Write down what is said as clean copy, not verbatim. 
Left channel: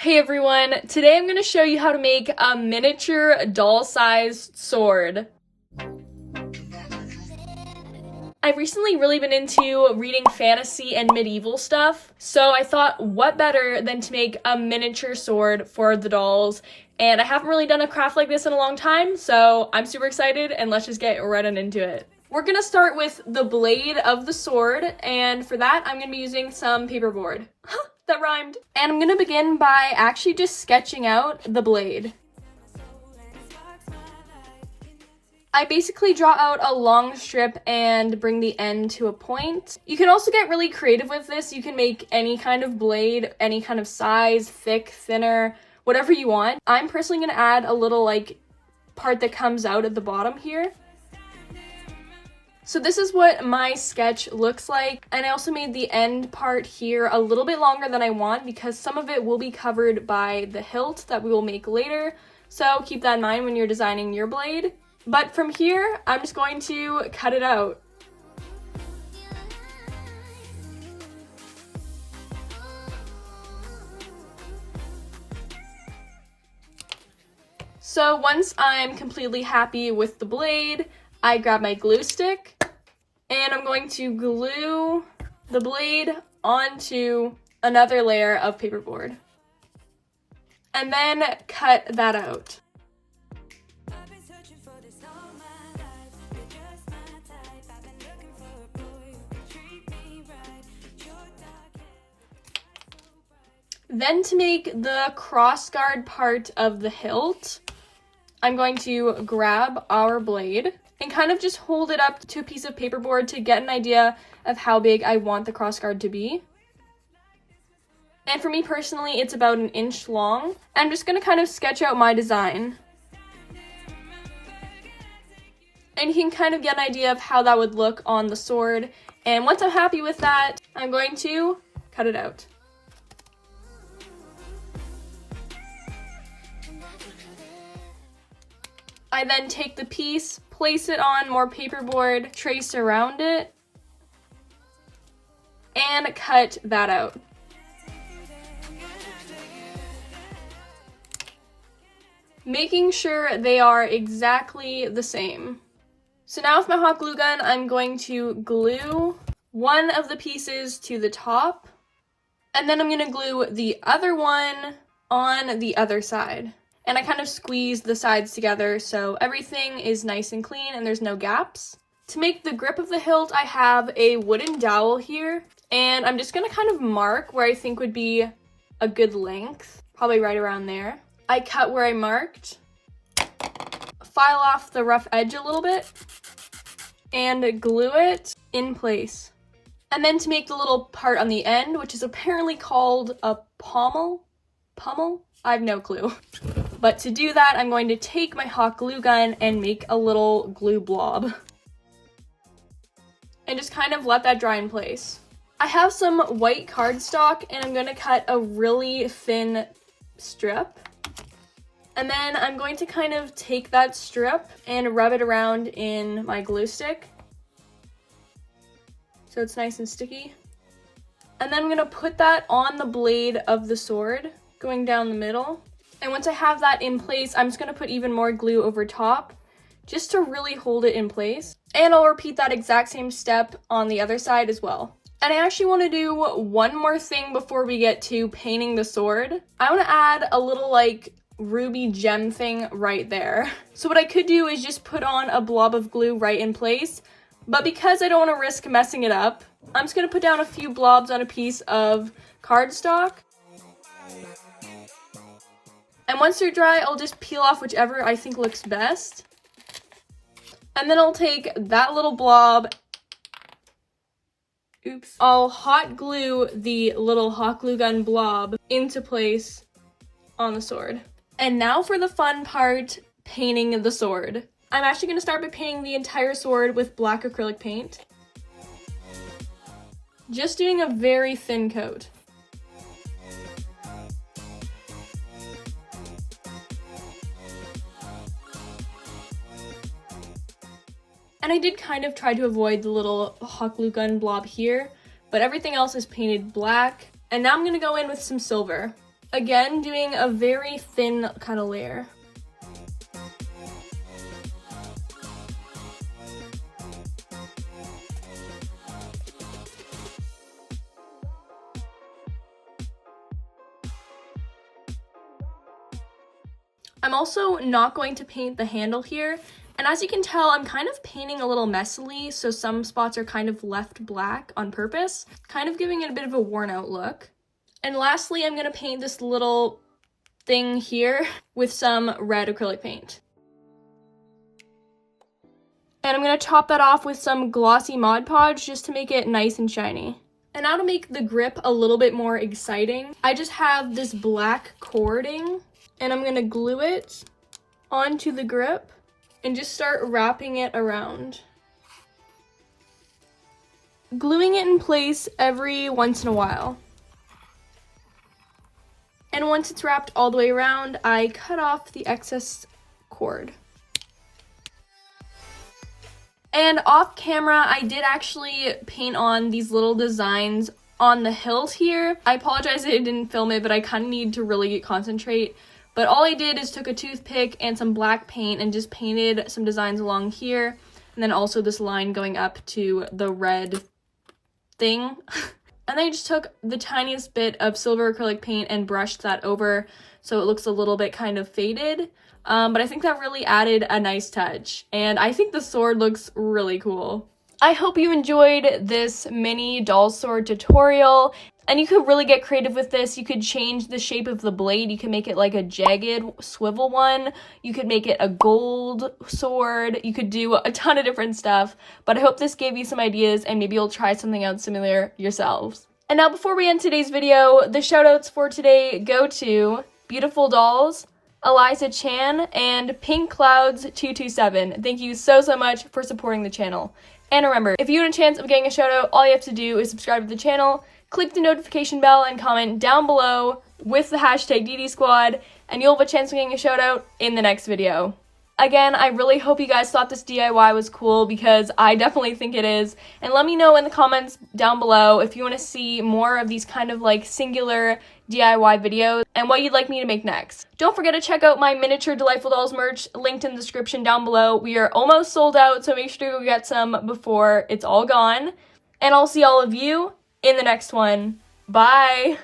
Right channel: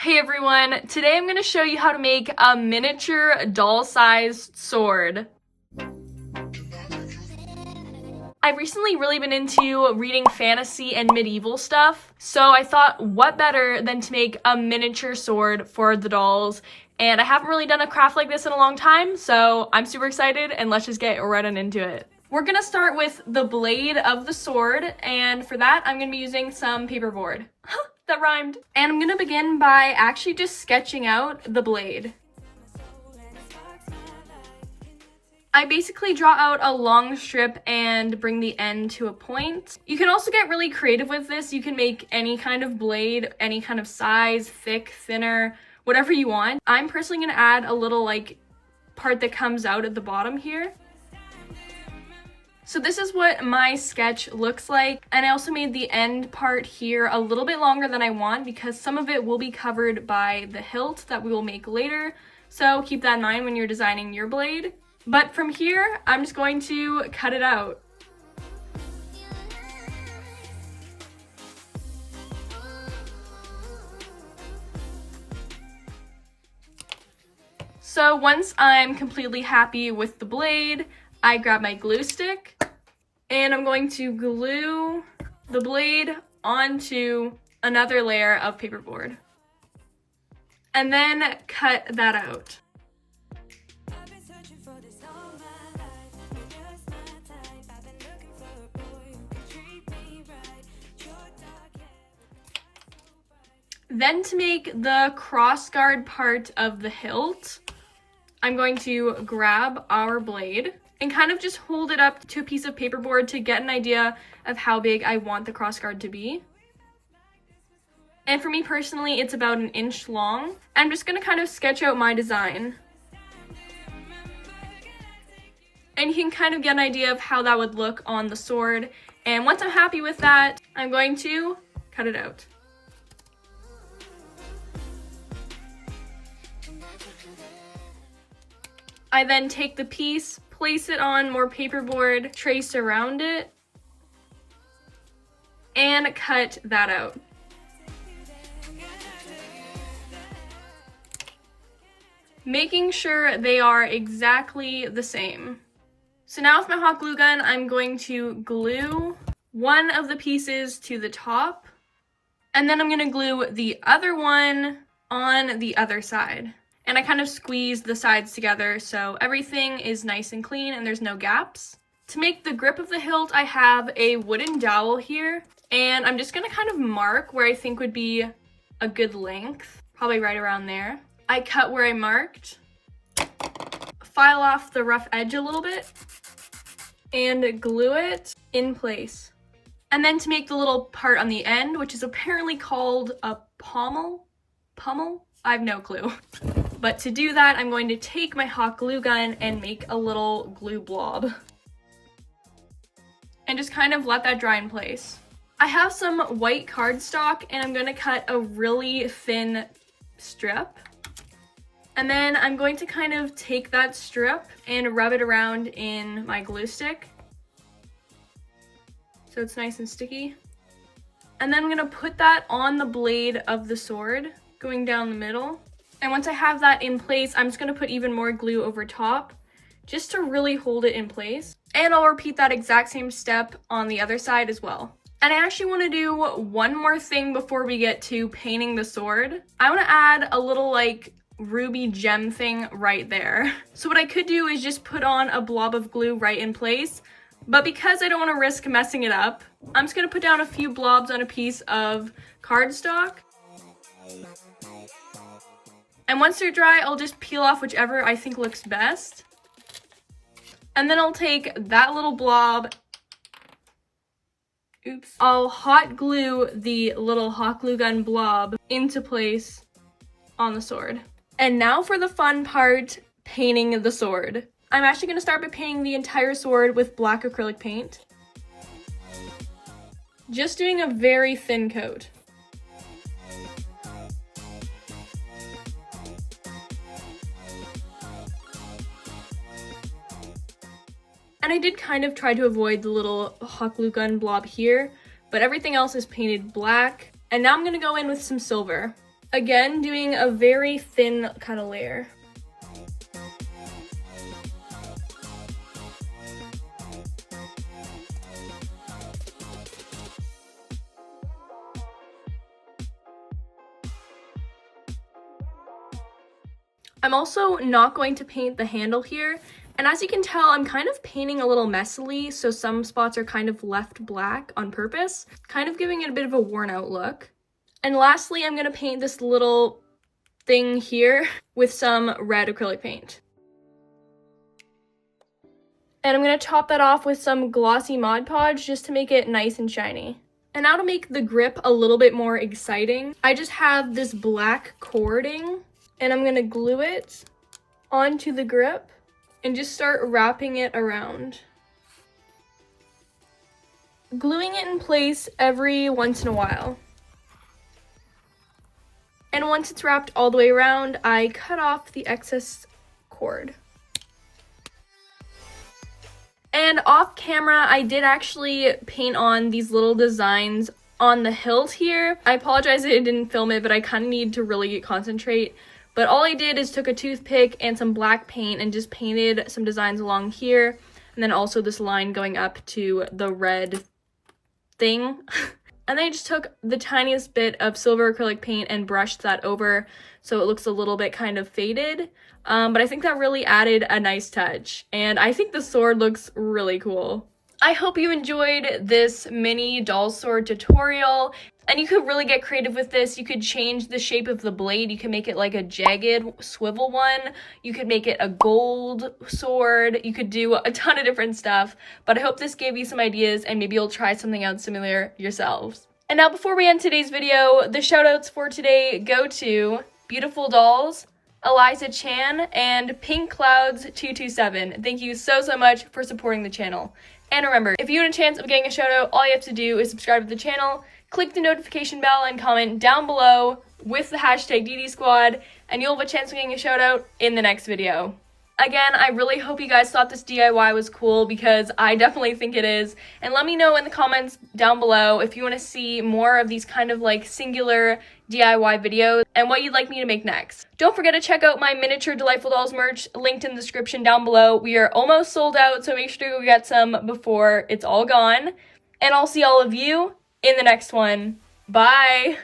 Hey everyone, today I'm going to show you how to make a miniature doll-sized sword. I've recently really been into reading fantasy and medieval stuff, so I thought what better than to make a miniature sword for the dolls, and I haven't really done a craft like this in a long time, so I'm super excited and let's just get right on into it. We're going to start with the blade of the sword, and for that I'm going to be using some paperboard. That rhymed. And I'm gonna begin by actually just sketching out the blade. I basically draw out a long strip and bring the end to a point. You can also get really creative with this. You can make any kind of blade, any kind of size, thick, thinner, whatever you want. I'm personally gonna add a little part that comes out at the bottom here. So this is what my sketch looks like, and I also made the end part here a little bit longer than I want because some of it will be covered by the hilt that we will make later, so keep that in mind when you're designing your blade. But from here, I'm just going to cut it out. So once I'm completely happy with the blade, I grab my glue stick and I'm going to glue the blade onto another layer of paperboard and then cut that out. Then to make the crossguard part of the hilt, I'm going to grab our blade and kind of just hold it up to a piece of paperboard to get an idea of how big I want the crossguard to be. And for me personally, it's about 1 inch long. I'm just gonna kind of sketch out my design. And you can kind of get an idea of how that would look on the sword. And once I'm happy with that, I'm going to cut it out. I then take the piece, place it on more paperboard, trace around it, and cut that out. Making sure they are exactly the same. So now with my hot glue gun, I'm going to glue one of the pieces to the top, and then I'm going to glue the other one on the other side. And I kind of squeeze the sides together so everything is nice and clean and there's no gaps. To make the grip of the hilt, I have a wooden dowel here, and I'm just gonna kind of mark where I think would be a good length, probably right around there. I cut where I marked, file off the rough edge a little bit, and glue it in place. And then to make the little part on the end, which is apparently called a pommel? I have no clue. But to do that, I'm going to take my hot glue gun and make a little glue blob. And just kind of let that dry in place. I have some white cardstock and I'm going to cut a really thin strip. And then I'm going to kind of take that strip and rub it around in my glue stick, so it's nice and sticky. And then I'm going to put that on the blade of the sword, going down the middle. And once I have that in place, I'm just going to put even more glue over top just to really hold it in place. And I'll repeat that exact same step on the other side as well. And I actually want to do one more thing before we get to painting the sword. I want to add a little ruby gem thing right there. So what I could do is just put on a blob of glue right in place. But because I don't want to risk messing it up, I'm just going to put down a few blobs on a piece of cardstock. And once they're dry, I'll just peel off whichever I think looks best. And then I'll take that little blob. Oops. I'll hot glue the little hot glue gun blob into place on the sword. And now for the fun part, painting the sword. I'm actually going to start by painting the entire sword with black acrylic paint. Just doing a very thin coat. And I did kind of try to avoid the little hot glue gun blob here, but everything else is painted black. And now I'm gonna go in with some silver. Again, doing a very thin kind of layer. I'm also not going to paint the handle here, and as you can tell, I'm kind of painting a little messily, so some spots are kind of left black on purpose, kind of giving it a bit of a worn out look. And lastly, I'm going to paint this little thing here with some red acrylic paint. And I'm going to top that off with some glossy Mod Podge just to make it nice and shiny. And now to make the grip a little bit more exciting, I just have this black cording, and I'm going to glue it onto the grip and just start wrapping it around. Gluing it in place every once in a while. And once it's wrapped all the way around, I cut off the excess cord. And off camera, I did actually paint on these little designs on the hilt here. I apologize that I didn't film it, but I kind of need to really concentrate. But all I did is took a toothpick and some black paint and just painted some designs along here. And then also this line going up to the red thing. And then I just took the tiniest bit of silver acrylic paint and brushed that over so it looks a little bit kind of faded. But I think that really added a nice touch. And I think the sword looks really cool. I hope you enjoyed this mini doll sword tutorial. And you could really get creative with this. You could change the shape of the blade. You could make it like a jagged swivel one. You could make it a gold sword. You could do a ton of different stuff. But I hope this gave you some ideas and maybe you'll try something out similar yourselves. And now before we end today's video, the shoutouts for today go to Beautiful Dolls, Eliza Chan, and Pink Clouds 227. Thank you so much for supporting the channel. And remember, if you want a chance of getting a shoutout, all you have to do is subscribe to the channel, click the notification bell, and comment down below with the hashtag DDSquad, and you'll have a chance of getting a shoutout in the next video. Again, I really hope you guys thought this DIY was cool because I definitely think it is. And let me know in the comments down below if you want to see more of these kind of like singular DIY videos and what you'd like me to make next. Don't forget to check out my miniature Delightful Dolls merch linked in the description down below. We are almost sold out, so make sure to go get some before it's all gone. And I'll see all of you in the next one. Bye!